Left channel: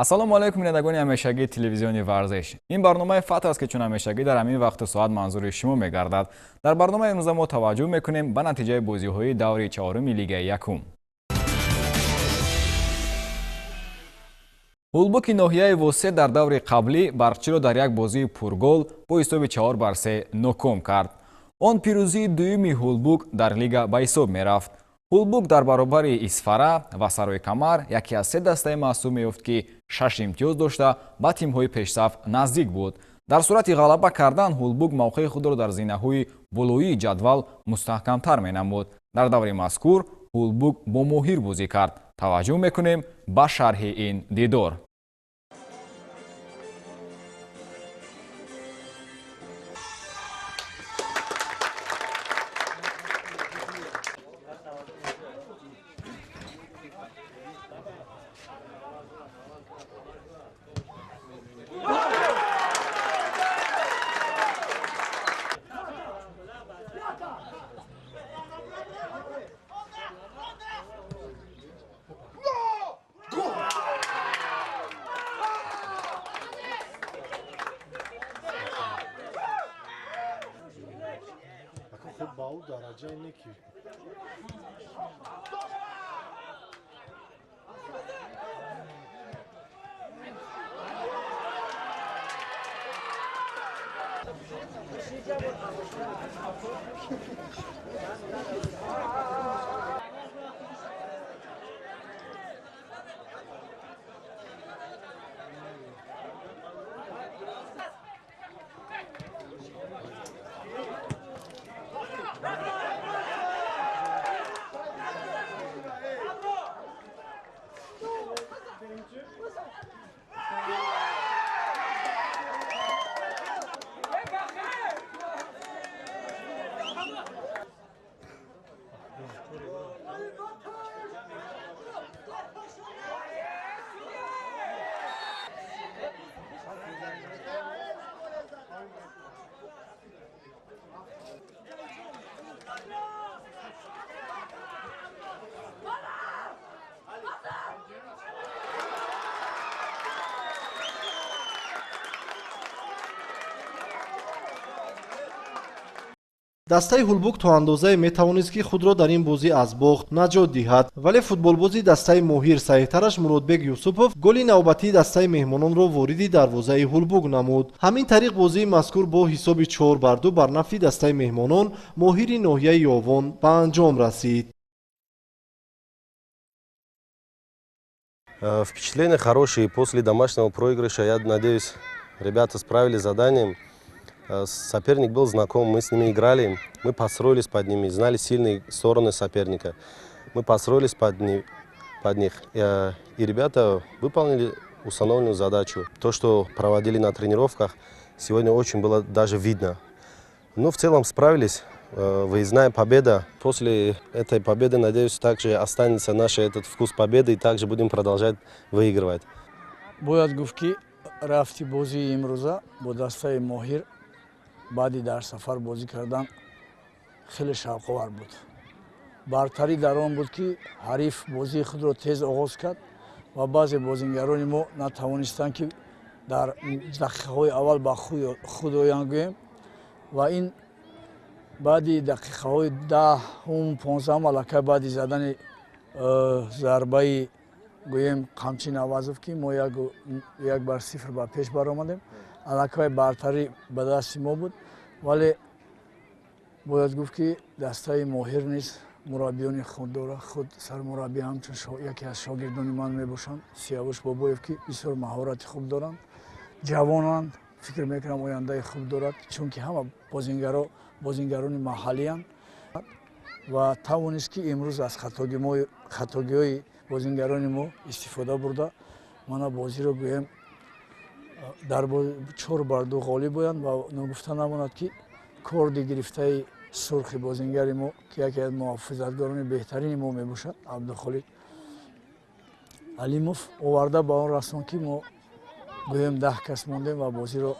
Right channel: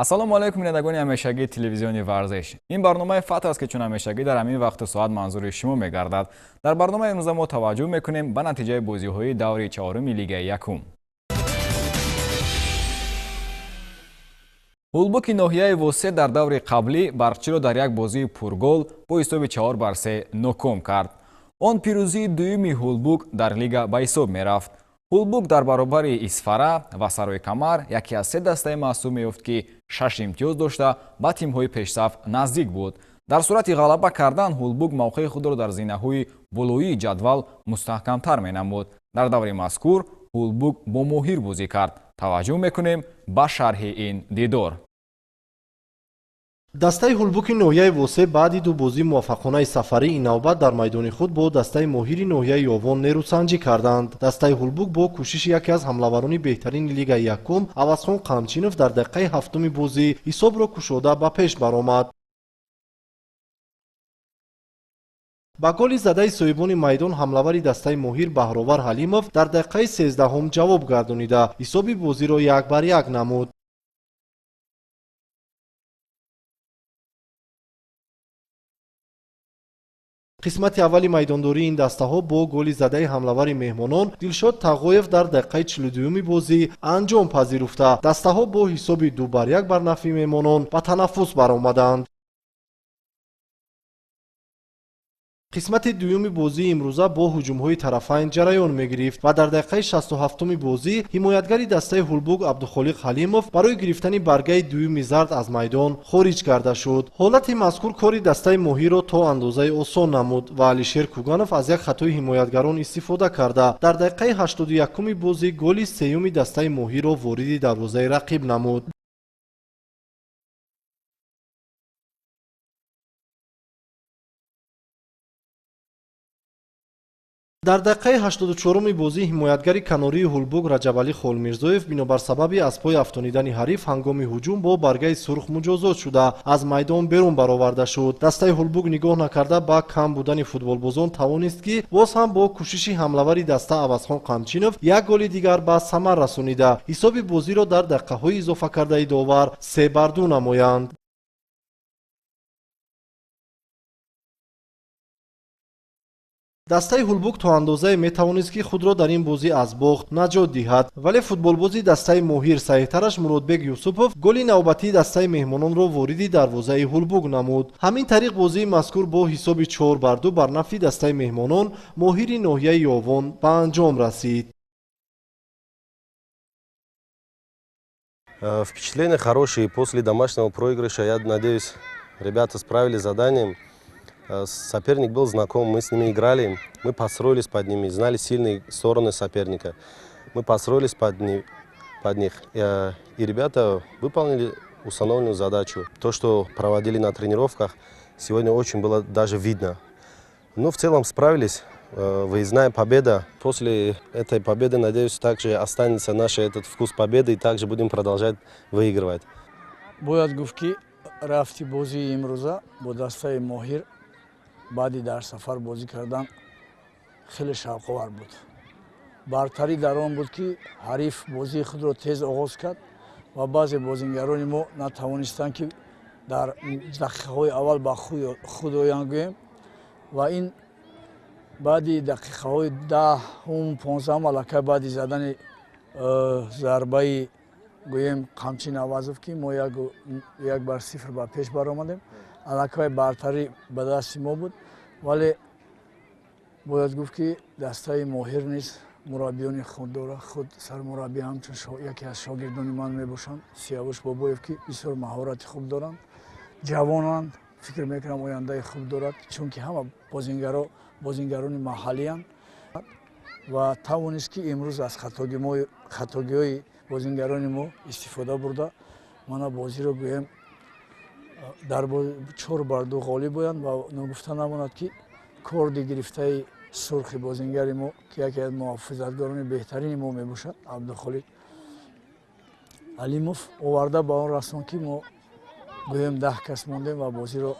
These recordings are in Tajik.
ассалому алайкум бинандагони ҳамешагии телевизиони варзиш. Ин барномаи фатр аст ки чун ҳамешагӣ дар ҳамин вақту соат манзури шумо мегардад. Дар барномаи имрӯза мо таваҷҷӯҳ мекунем ба натиҷаи бозиҳои даври чаҳорumi Лигаи Якум. ҳулбуки ноҳияи восет дар даври қаблӣ барқчиро дар як бозии пургол бо ҳисоби 4-3 ноком кард. Он пирӯзии дуюми ҳулбук дар лига ба ҳисоб мерафт. ҳулбук дар баробари Исфара ва Сарои Камар яке аз се дастаи маҳсуб меёфт ки 6 имтиёз дошта ба тимҳои пешсаф наздик буд. дар сурати ғалаба кардан ҳулбук мавқеи худро дар зинаҳои болоии ҷадвал мустаҳкамтар менамуд. дар даври мазкур ҳулбук бо Моҳир бозӣ кард. таваҷҷӯҳ мекунем ба шарҳи ин дидор. Baú daraja ne ki? Дастаи ҳулбук то андозае метавонист ки худро дар ин бозӣ аз бохт наҷот диҳад, вале футболбози дастаи Моҳир саҳитараш Муродбек Юсупов голи навбатии дастаи меҳмононро вориди дарвозаи ҳулбук намуд. ҳамин тариқ бозии мазкур бо ҳисоби 4-2 бар нафъи дастаи меҳмонон Моҳири ноҳияи Ёвон ба анҷом расид. Впечатления хорошие. После домашнего проигрыша, я надеюсь, ребята справились с заданием. Соперник был знаком, мы с ними играли, мы построились под ними, знали сильные стороны соперника. Мы построились под них. И ребята выполнили установленную задачу. То, что проводили на тренировках, сегодня очень было даже видно. Но в целом справились. Выездная победа. После этой победы, надеюсь, также останется наш этот вкус победы и также будем продолжать выигрывать. Бояд гуфт, рафти бози имрӯза бо дастаи Моҳир баъди дар сафар бозӣ кардан хеле шавқовар буд. Бартарӣ дар он буд ки ҳариф бозии худро тез оғоз кард ва баъзе бозингарони мо натавонистанд ки дар дақиқаҳои аввал ба худ оянд гӯем ва ин баъди дақиқаҳои 10-15 аллакай баъди задани зарбаи гӯем қамчи Навазов ки мо 1-0 ба пеш баромадем. аллакай бартарӣ ба дасти мо буд, вале бояд гуфт ки дастаи Моҳир низ мураббиёни худ дорад. худ сармураббӣ ҳамчун яке аз шогирдони ман мебошанд, Сиявуш Бобоев ки бисёр маҳорати хуб доранд, ҷавонанд, фикр мекунам ояндаи хуб дорад, чунки ҳама бозингарони маҳаллиянд ва тавонист ки имрӯз аз хатогиҳои бозингарони мо истифода бурда мана бозиро гӯем дар 4-2 ғолиб боянд ва нагуфта намонад ки корди гирифтаи сурхи бозингари мо ки яке аз муҳофизатгорони беҳтарини мо мебошад, Абдухолик Алимов оварда ба он расон ки мо гӯем 10 кас мондем ва бозиро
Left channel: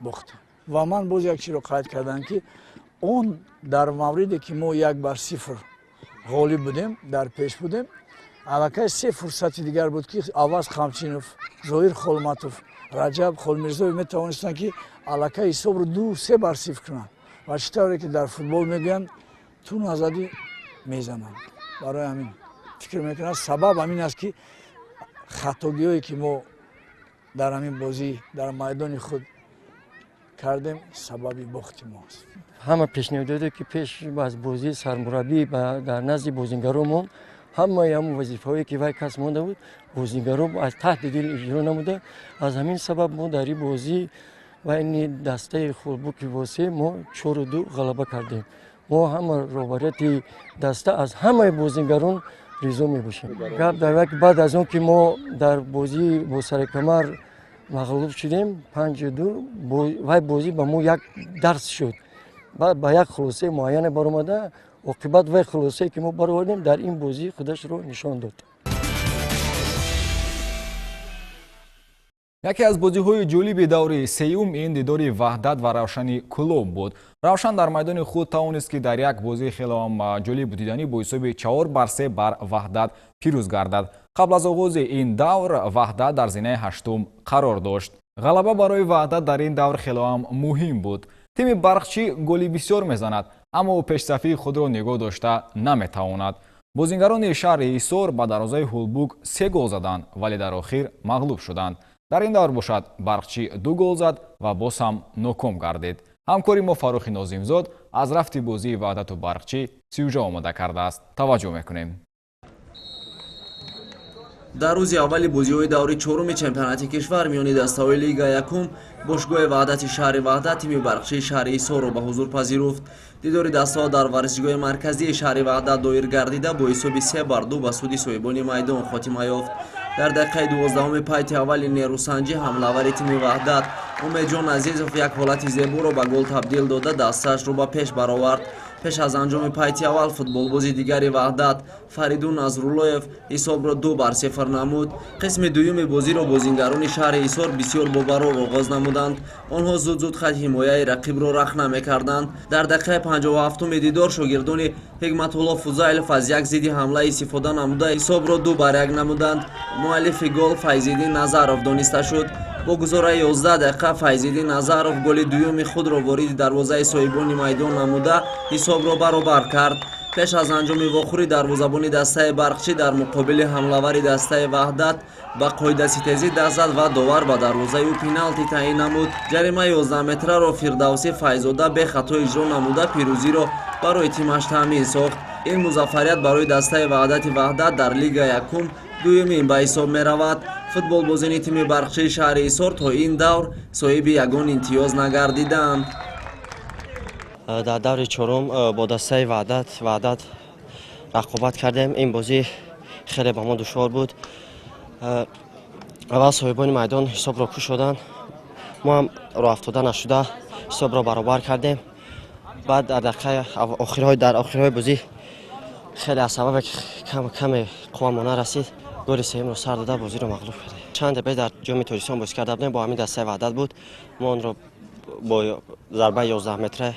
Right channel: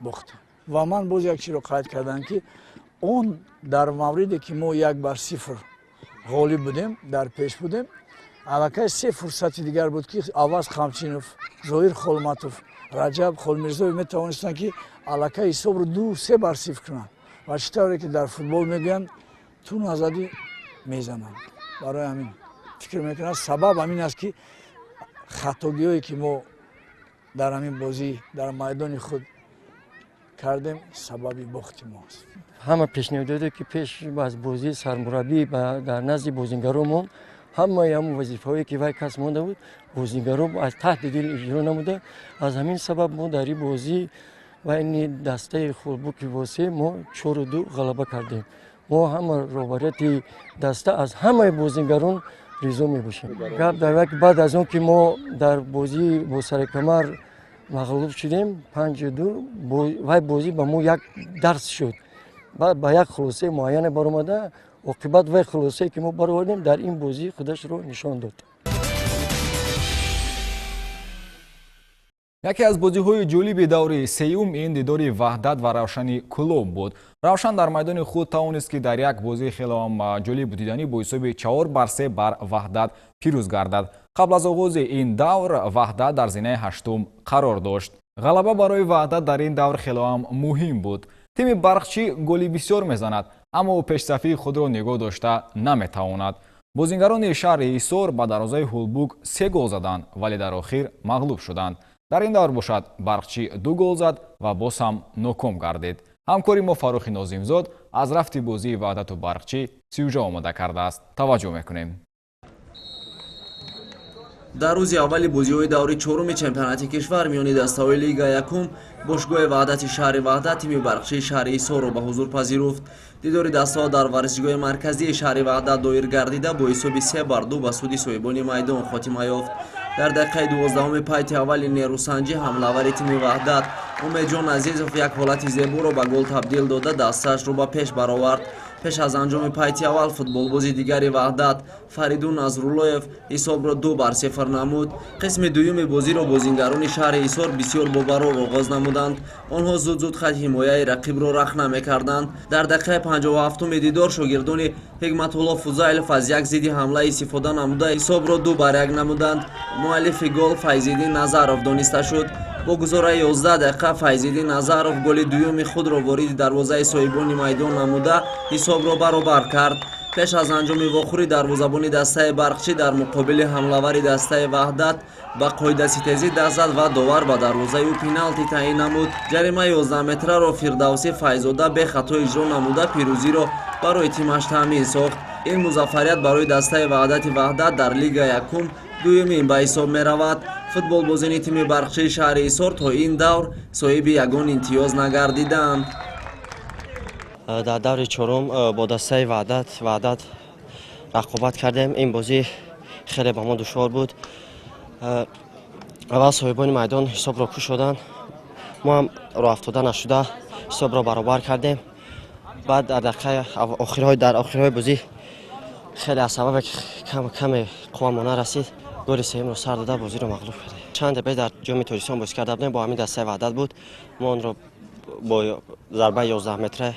бохтем. Ва ман боз як чизро қайд кардам ки он дар мавриде ки мо 1-0 ғолиб будем, дар пеш будем, аллакай 3 фурсати дигар буд ки Аваз Қамчинов зоир холматов, раҷаб холмирзоев метавонистанд ки аллакай ҳисобро 2-3 бар сифр кунанд ва чӣ тавре ки дар футбол мегӯянд ту назадӣ мезананд. барои ҳамин фикр мекунам сабаб ҳамин аст ки хатогиҳое ки мо дар ҳамин бозӣ дар майдони худ кардем сабаби бохти мост. ҳама пешниҳодоте ки пеш аз бозии сармураббӣ дар назди бозингарон монд, ҳамаи ҳамон вазифаҳое ки вай касб монда буд бозингарон аз таҳти дил иҷро намуда. Аз ҳамин сабаб мо дар ин бозӣ байни дастаи Холбуки Восе мо 4-2 ғалаба кардем. мо ҳама роҳбарияти даста аз ҳамаи бозингарон ризо мебошем. гап дар вақти баъд аз он ки мо дар бозӣ бо сари камар мағлуб шудем 5-2, вай бозӣ ба мо як дарс шуд. баъд ба як хулосаи муайяне баромада оқибат вай хулосае ки мо баровардем дар ин бозӣ худашро нишон дод. яке аз бозиҳои ҷолиби даври сеюм ин дидори Ваҳдат ва Равшани Кулоб буд. Равшан дар майдони худ тавонист ки дар як бозии хеле ҷолибу диданӣ бо ҳисоби 4-3 бар Ваҳдат пирӯз гардад. қабл аз оғози ин давр Ваҳдат дар зинаи ҳаштум қарор дошт. ғалаба барои Ваҳдат дар ин давр хелеам муҳим буд. тими Барқчӣ голи бисёр мезанад, аммо пешсафии худро нигоҳ дошта наметавонад. бозингарони шаҳри Ҳисор ба дарозаи Ҳулбук 3 гол заданд, вале дар охир мағлуб шуданд. дар ин давр бошад Барқчӣ 2 гол зад ва боз ҳам ноком гардид. ҳамкори мо Фарухи Нозимзод аз рафти бозии Ваҳдату Барқчӣ сюжа омода кардааст. таваҷҷӯҳ мекунем. дар рӯзи аввали бозиҳои даври чоруми чемпионати кишвар миёни дастаҳои Лига якум бошгоҳи Ваҳдати шаҳри Ваҳдат тими Барқчии шаҳри Ҳисорро ба ҳузур пазируфт. дидори дастаҳо дар варзишгоҳи марказии шаҳри Ваҳдат доир гардида бо ҳисоби 3-2 ба суди соҳибони майдон хотима ёфт. дар дақиқаи 12-уми пайти аввали нерӯсанҷӣ ҳамлавари тими Ваҳдат Умедҷон Азизов як ҳолати зеборо ба гол табдил дода дастаашро ба пеш баровард. пеш аз анҷоми пайти аввал футболбози дигари Ваҳдат Фаридун Назруллоев ҳисобро 2-0 намуд. қисми дуюми бозиро бозингарони шаҳри Ҳисор бисёр бобарор оғоз намуданд. онҳо зуд хат ҳимояи рақибро рахна мекарданд. дар дақиқаи 57-уми дидор шогирдони Ҳикматулло Фузайлов аз як зидди ҳамла истифода намуда ҳисобро 2-1 намуданд. муаллифи гол Файзиддин Назаров дониста шуд. бо гузораи 11 дақиқа Файзиддин Назаров голи дуюми худро вориди дарвозаи соҳибони майдон намуда ҳисобро баробар кард. пеш аз анҷоми вохӯри дарвозабони дастаи Барқчӣ дар муқобили ҳамлавари дастаи Ваҳдат ба қоидаситезӣ даст зад ва довар ба дарвозаи ӯ пеналти таъин намуд. ҷаримаи 11-метраро Фирдавсӣ Файзода бехато иҷро намуда пирӯзиро барои тимаш таъмин сохт. ин музаффарият барои дастаи Ваҳдати Ваҳдат дар Лига якум дуюмин ба ҳисоб меравад. футболбозини тими Барқчии шаҳри Ҳисор то ин давр соҳиби ягон имтиёз нагардиданд. дар даври чорум бо дастаи Ваҳдат рақобат кардем. ин бозӣ хеле ба мо душвор буд. аввал соҳибони майдон ҳисобро кушоданд. мо ҳам роҳафтода нашуда ҳисобро баробар кардем. баъд дар охирҳои бозӣ хеле аз сабабе каме қуввамон нарасид голи сеюмро сар дода бозиро мағлуб кардем. чанд дақиқа дар ҷоми Тоҷикистон бозӣ карда будем, бо ҳамин дастаи Ваҳдат буд. мо онро бо зарбаи 11-метра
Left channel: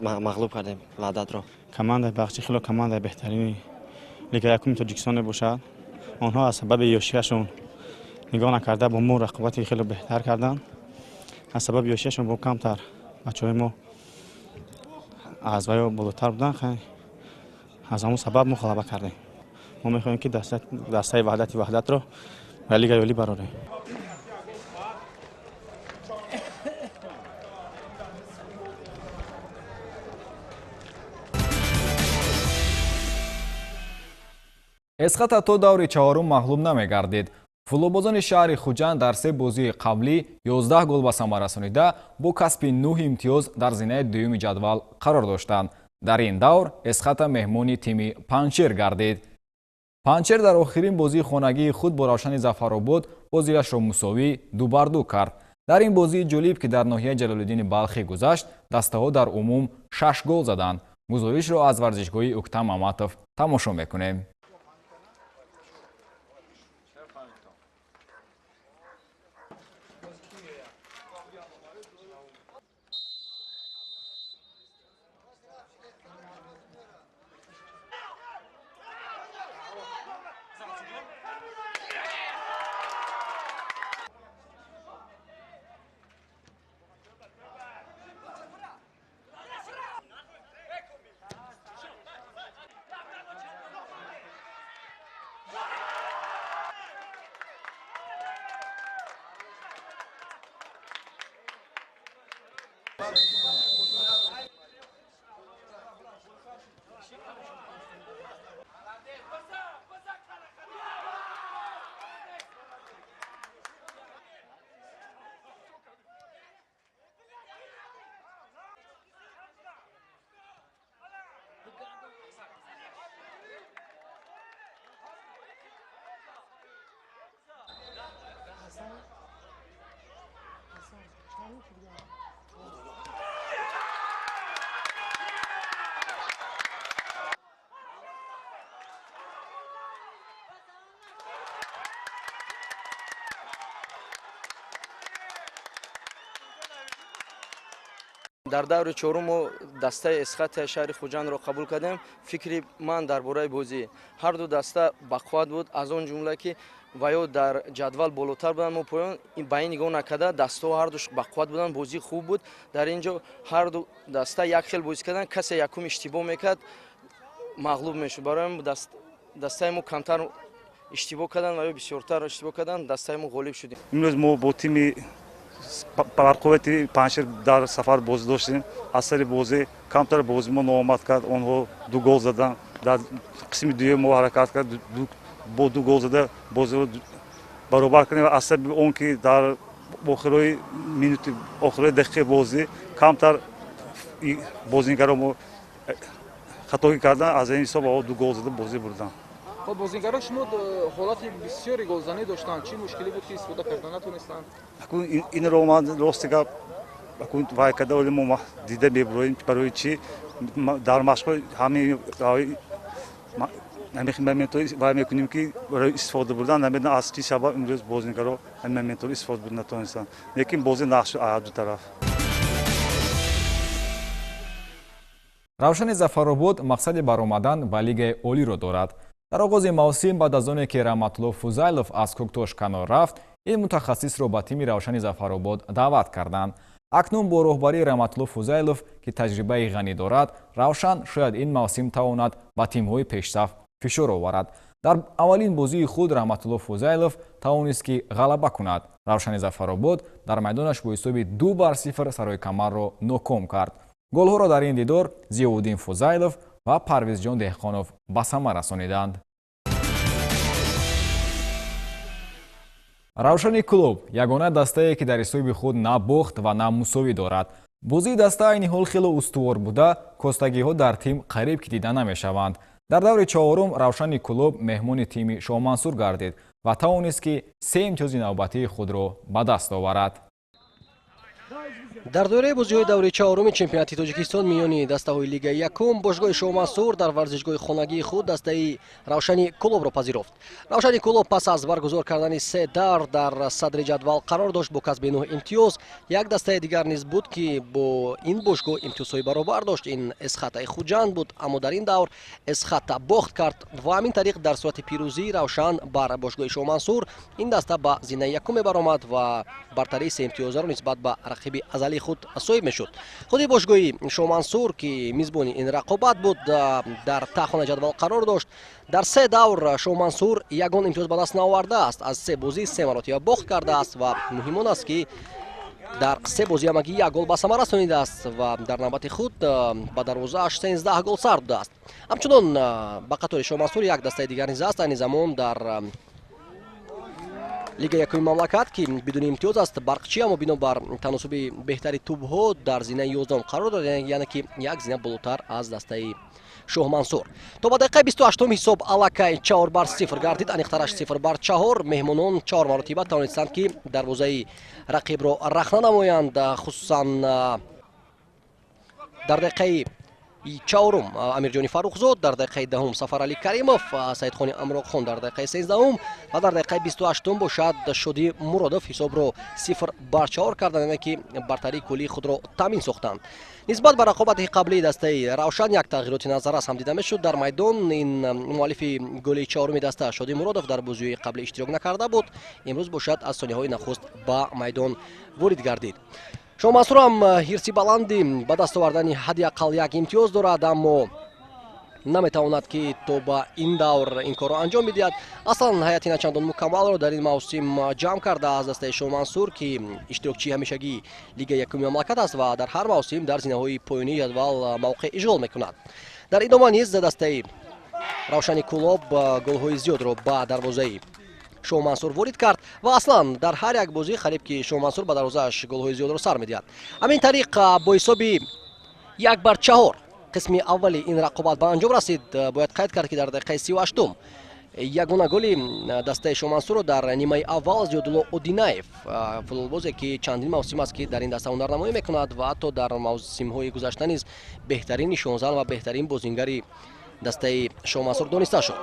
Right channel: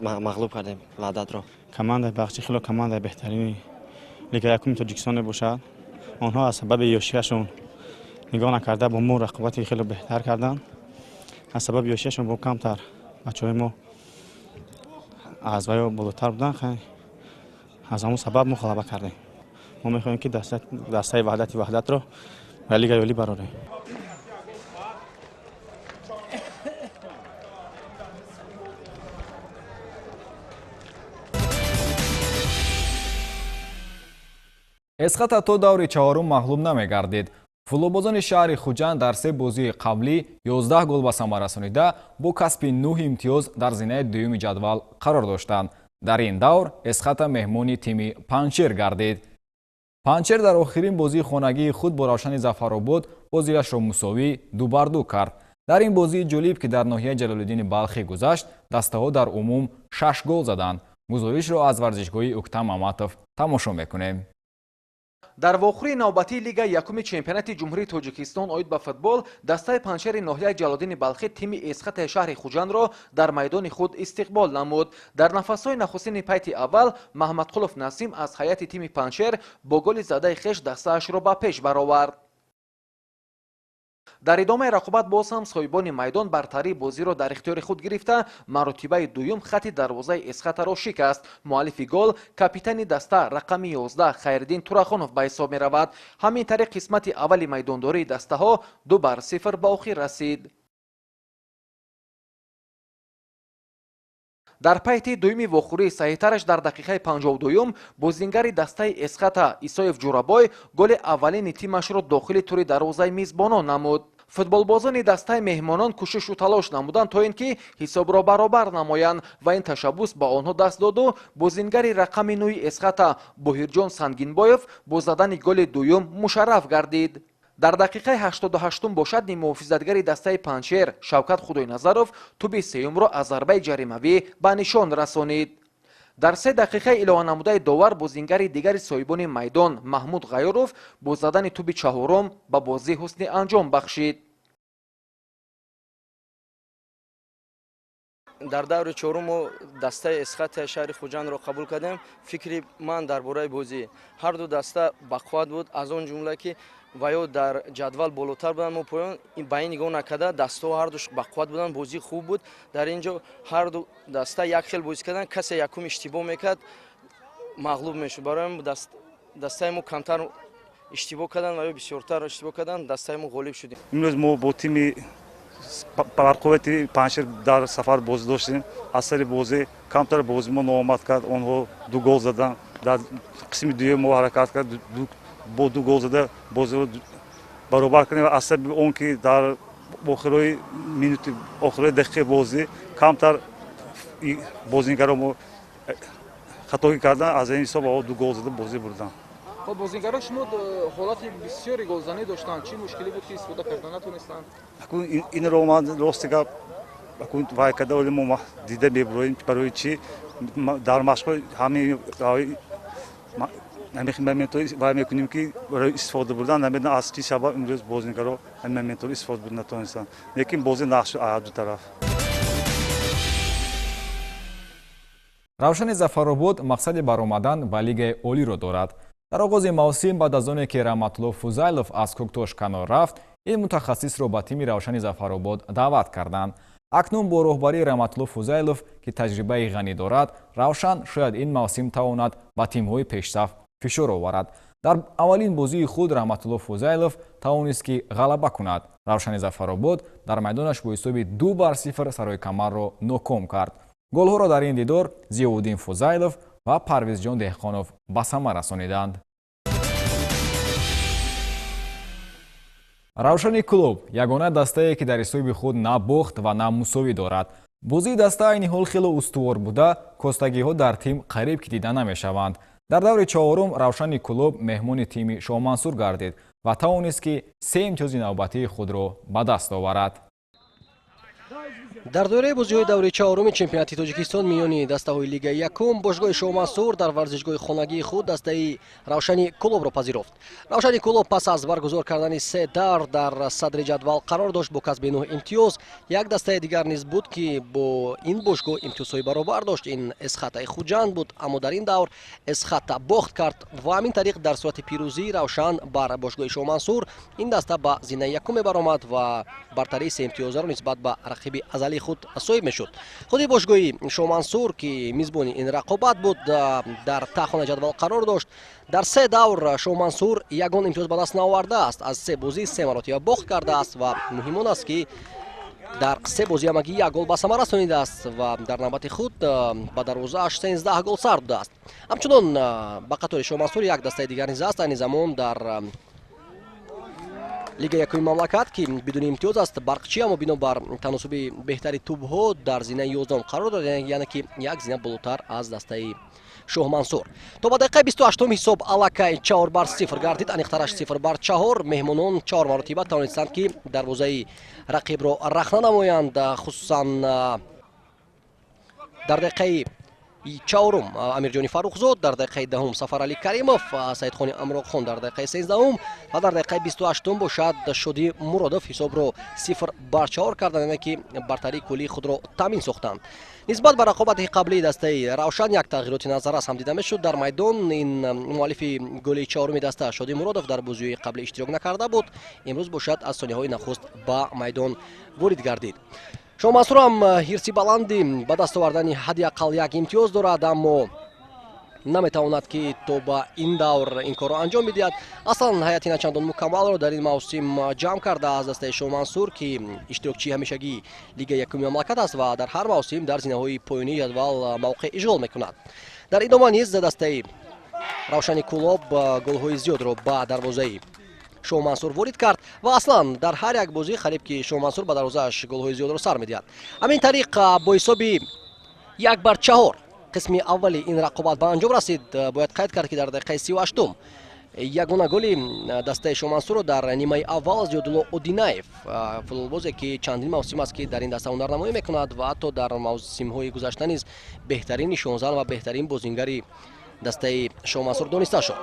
мағлуб кардем Ваҳдатро. командаи Бахчӣ хеле командаи беҳтарини Лига якуми Тоҷикистон мебошад. онҳо аз сабаби ёшиашон нигоҳ накарда бо мо рақобати хеле беҳтар карданд. аз сабаби ёшиашон бо камтар бачаҳои мо аз ваё болотар буданд. аз ҳамон сабаб мо ғалаба кардем. мо мехоҳем ки дастаи Ваҳдатро ба Лига ёлӣ барорем. эсқата то даври чаҳорум мағлуб намегардид. футболбозони шаҳри Хуҷанд дар 3 бозии қаблӣ 11 гол ба самар расонида бо касби 9 имтиёз дар зинаи дуюми ҷадвал қарор доштанд. дар ин давр эсқата меҳмони тими Панҷшер гардид. Панҷшер дар охирин бозии хонагии худ бо Равшани Зафаробод бозиашро мусовӣ 2-2 кард. дар ин бозии ҷолиб ки дар ноҳияи Ҷалолиддини Балхӣ гузашт, дастаҳо дар умум 6 гол заданд. гузоришро аз варзишгоҳи Уктам Аматов тамошо мекунем. дар даври чорум дастаи эсхати шаҳри хуҷандро қабул кардем. Фикри ман дар бораи бозӣ ҳар ду даста бақувват буд, аз он ҷумла ки ваё дар ҷадвал болотар буданд. Мо поён ба ин нигоҳ накарда дастаҳо ҳар душ бақувват буданд, бозӣ хуб буд. Дар ин ҷо ҳар ду даста як хел бозӣ карданд, касе якум иштибоҳ мекард мағлуб мешуд. Барои мо дастаи мо камтар иштибоҳ карданд ва ё бисёртар иштибоҳ карданд, дастаи мо ғолиб шудем. имрӯз мо бо тими барқуввати Панҷшир дар сафар бозӣ доштем. аз сари бозӣ камтар бозӣ мо ноомад кард, онҳо ду гол заданд. дар қисми дуюм мо ҳаракат кард, бо ду гол зада бозиро баробар кардем. аз саби он ки дар охирои минути охирои дақиқаи бозӣ камтар бозингаро мо хатогӣ карданд, аз ин ҳисоб ду гол зада бозӣ бурданд. бозингарони шумо ҳолати бисёри голзанӣ доштанд, чӣ мушкилӣ буд ки истифода карда натонистанд? инро ман рости гап вай карда оли мо дида мебуроем барои чӣ дар машқҳои ҳамин моментҳо вай мекунем ки барои истифода бурдан намедонам аз чӣ сабаб имрӯз бозингаро ҳамин моментҳо истифода бурда натонистанд. лекин бозӣ нақш шуд аз ду тараф. равшани зафаробод мақсади баромадан ба лигаи олиро дорад. дар оғози мавсим баъд аз оне ки Раҳматулло Фузайлов аз Коктош канор рафт, ин мутахассисро ба тими равшани зафаробод даъват карданд. акнун бо роҳбарии Раҳматулло Фузайлов ки таҷрибаи ғанӣ дорад, равшан шояд ин мавсим тавонад ба тимҳои пешсаф фишор оварад. дар аввалин бозии худ Раҳматулло Фузайлов тавонист ки ғалаба кунад. равшани зафаробод дар майдонаш бо ҳисоби 2-0 сарои камарро ноком кард. голҳоро дар ин дидор Зиёуддин Фузайлов ва Парвизҷон Деҳқонов ба сама расониданд. равшани клуб ягона дастае ки дар ҳисоби худ на бохт ва на мусовӣ дорад. бозии даста айни ҳол хеле устувор буда, костагиҳо дар тим қариб ки дида намешаванд. дар даври чаҳорум равшани клуб меҳмони тими Шоҳмансур гардид ва тавонист ки 3 имтиёзи навбатии худро ба даст оварад. дар доираи бозиҳои даври чаҳоруми чемпионати Тоҷикистон миёни дастаҳои Лигаи Якум, бошгоҳи Шоҳмансур дар варзишгоҳи хонагии худ дастаи Равшани Кулобро пазируфт. Равшани Кулоб пас аз баргузор кардани 3 давр дар садри ҷадвал қарор дошт бо касби 9 имтиёз. як дастаи дигар низ буд ки бо ин бошгоҳ имтиёзҳои баробар дошт. ин Эсхатаи Хуҷанд буд, аммо дар ин давр Эсхата бохт кард ва ҳамин тариқ дар сурати пирӯзӣ Равшан бар бошгоҳи Шоҳмансур ин даста ба зинаи якуме баромад ва бартарии 3 имтиёзаро нисбат ба рақиби азалии худ соҳиб мешуд. худи бошгоҳи Шоҳмансур ки мизбони ин рақобат буд, дар таъхона ҷадвал қарор дошт. дар 3 давр Шоҳмансур ягон имтиёз ба даст наовардааст. аз 3 бозӣ 3 маротиба бохт кардааст ва муҳим он аст ки дар 3 бозӣ ҳамагӣ як гол ба сама расонидааст ва дар навбати худ ба дарвозааш 13 гол сар будааст. ҳамчунон ба қатори Шоҳмансур як дастаи дигар низ аст. айни замон дар Лигаи Якуми мамлакат ки бидуни имтиёз аст, барқчӣ, аммо бино бар таносуби беҳтари тӯбҳо дар зинаи 11 қарор дорад, яъне ки як зина болотар аз дастаи Шоҳмансур. То ба дақиқаи 28 ҳисоб аллакай 4-0 гардид, аниқтараш 0-4. меҳмонон 4 маротиба тавонистанд ки дарвозаи рақибро рахна намоянд, хусусан дар дақиқаи чаҳорум Амирҷони Фаррухзод, дар дақиқаи 10 Сафарали Каримов, Саидхони Амроқхон дар дақиқаи 13 ва дар дақиқаи 28 бошад Шодӣ Муродов ҳисобро 0-4 карданд, яъне ки бартарии куллии худро таъмин сохтанд. нисбат ба рақобати қаблии дастаи Равшан як тағйироти назаррас ҳам дида мешуд. дар майдон ин муаллифи голи чаҳоруми даста Шодӣ Муродов дар бозиҳои қаблӣ иштирок накарда буд. имрӯз бошад аз сониҳаҳои нахуст ба майдон ворид гардид. Шоҳмансур ҳам ҳирси баланди ба даст овардани ҳадди ақал як имтиёз дорад, аммо наметавонад ки то ба ин давр ин корро анҷом бидиҳад. Аслан ҳайати начандон мукаммалро дар ин мавсим ҷамъ карда аз дастаи Шоҳмансур ки иштирокчии ҳамешагии Лигаи Якуми мамлакат аст ва дар ҳар мавсим дар зинаҳои поёнии ҷадвал мавқеъ ишғол мекунад. дар идома низ дастаи Равшани Кулоб голҳои зиёдро ба дарвозаи Шоҳмансур ворид кард ва аслан дар ҳар як бозӣ қариб ки Шоҳмансур ба дарвозааш голҳои зиёдро сар медиҳад. ҳамин тариқ бо ҳисоби 1-4 қисми аввали ин рақобат ба анҷом расид. Бояд қайд кард ки дар дақиқаи 38 ягона голи дастаи Шоҳмансурро дар нимаи аввал Зиёдулло Одинаев, футболбозе ки чандин мавсим аст ки дар ин даста ҳунарнамоӣ мекунад ва ҳатто дар мавсимҳои гузашта низ беҳтарин нишонзан ва беҳтарин бозингари дастаи Шоҳмансур дониста шуд.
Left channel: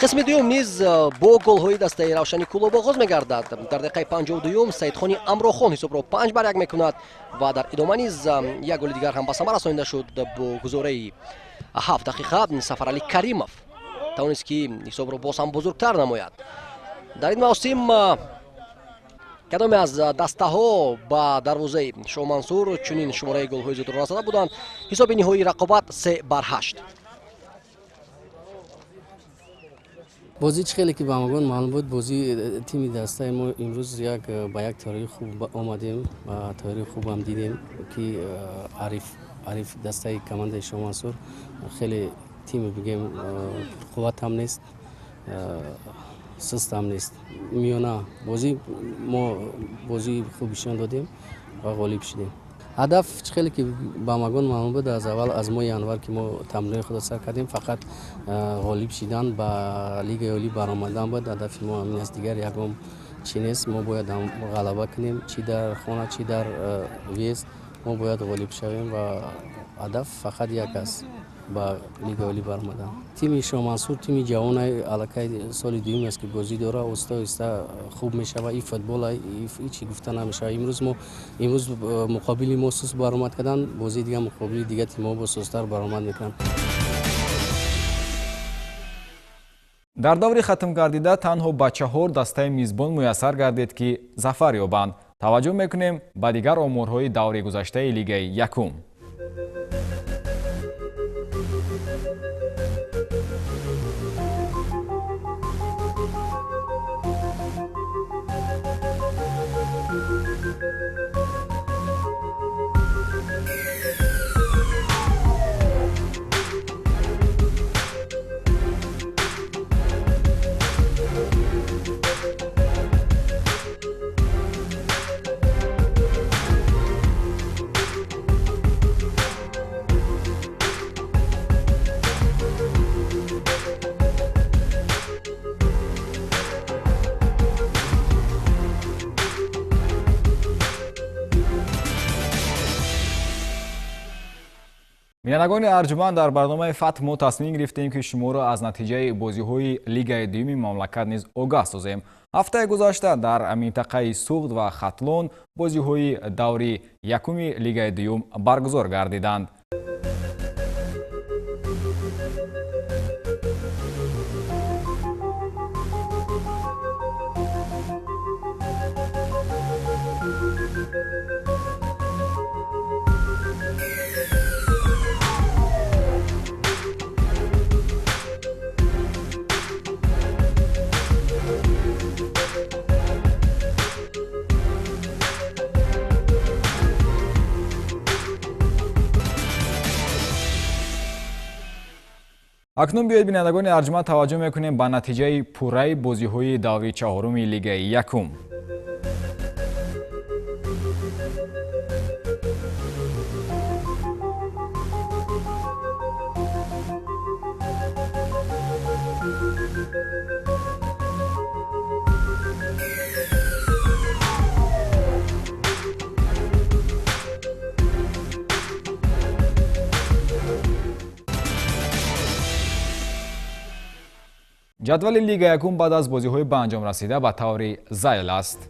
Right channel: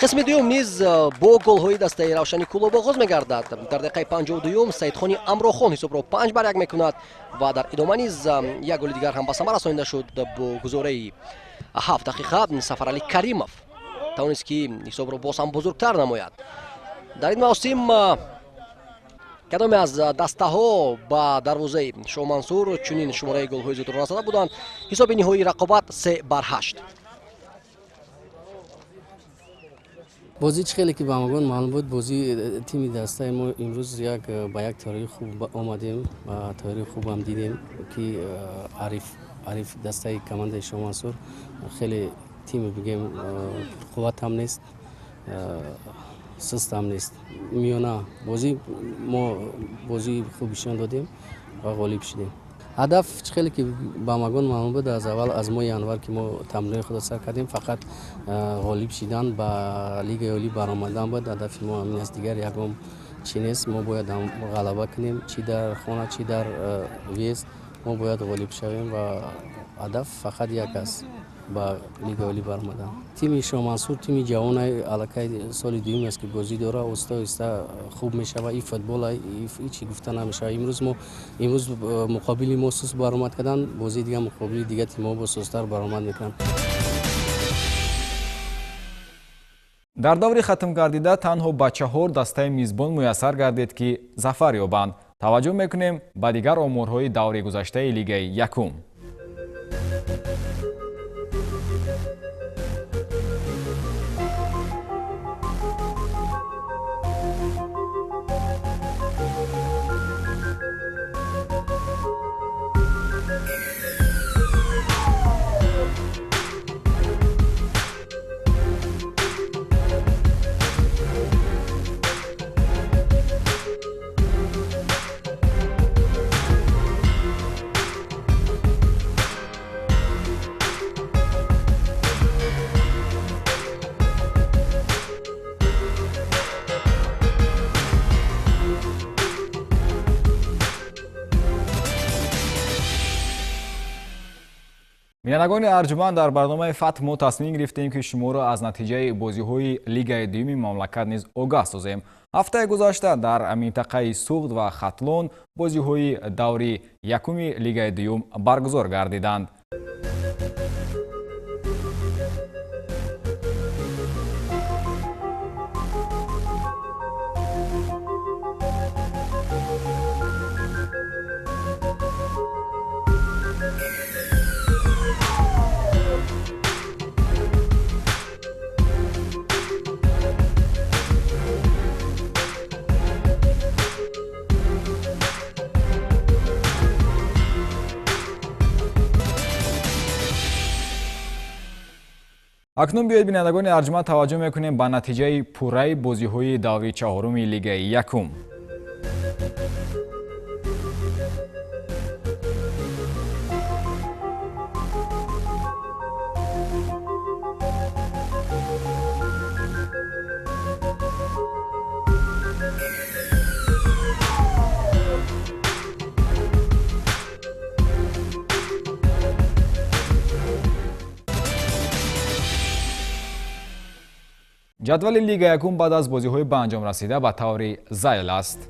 қисми дуюм низ бо голҳои дастаи Равшани Кулоб оғоз мегардад. дар дақиқаи 52 Саидхони Амрохон ҳисобро 5-1 мекунад ва дар идома низ як голи дигар ҳам ба самар расонида шуд. бо гузораи 7 дақиқа Сафарали Каримов тавонист ки ҳисобро боз ҳам бузургтар намояд. дар ин мавсим кадоме аз дастаҳо ба дарвозаи Шоҳмансур чунин шумораи голҳои зиёдро назада буданд. ҳисоби ниҳоии рақобат 3-8. бозӣ чӣ хеле ки ба магон маълум буд, бозӣ тими дастаи мо имрӯз ба як тайёрии хуб омадем ва тайёрии хубам дидем ки ариф дастаи командаи Шоҳмансур хеле тими бигем қувватам нест, сустам нест. миёна бозӣ мо бозии хуб нишон додем ва ғолиб шудем. ҳадаф чӣ хеле ки ба магон маълум буд, аз аввал аз моҳи январ ки мо тамрини худро сар кардем, фақат ғолиб шидан ба Лигаи Олӣ баромадан буд. ҳадафи мо ҳамин аст, дигар ягон чӣ нест. мо бояд ғалаба кунем, чӣ дар хона, чӣ дар виезд, мо бояд ғолиб шавем ва ҳадаф фақат як аст, ба Лигаи Олӣ баромадан. тими Шоҳмансур тими ҷавонаи аллакай соли дуюм аст ки бозӣ дора, оҳиста оҳиста хуб мешава. ин футбол ҳичи гуфта намешава. имрӯз муқобили мо суст баромад кардан, бозии дигар муқобили дигар тимҳо бо сустар баромад мекунанд. дар даври хатмгардида танҳо ба 4 дастаи мизбон муяссар гардид ки зафар ёбанд. таваҷҷӯҳ мекунем ба дигар оморҳои даври гузаштаи Лигаи Якум. бинандагони арҷуманд, дар барномаи Фатҳ мо тасмим гирифтем ки шуморо аз натиҷаи бозиҳои Лигаи дуюми мамлакат низ огаҳ созем. ҳафтаи гузашта дар минтақаи Суғд ва Хатлон бозиҳои даври якуми Лигаи дуюм баргузор гардиданд. акнун биёед бинандагони арҷуманд таваҷҷӯҳ мекунем ба натиҷаи пурраи бозиҳои даври чаҳоруми Лигаи Якум. ҷадвали Лигаи Якум баъд аз бозиҳои ба анҷом расида ба таври зайл аст.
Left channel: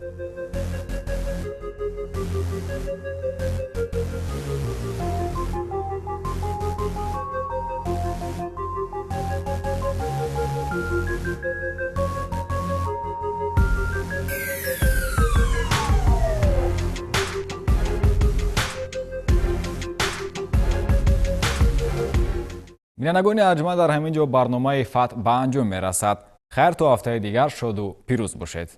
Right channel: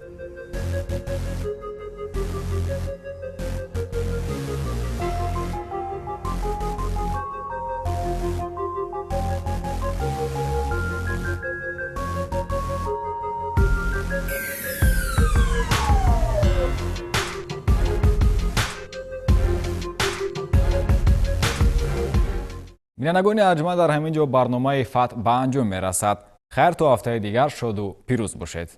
бинандагони арҷманд дар ҳамин ҷо барномаи фатҳ ба анҷом мерасад. хайр то ҳафтаи дигар шоду пирӯз бошед.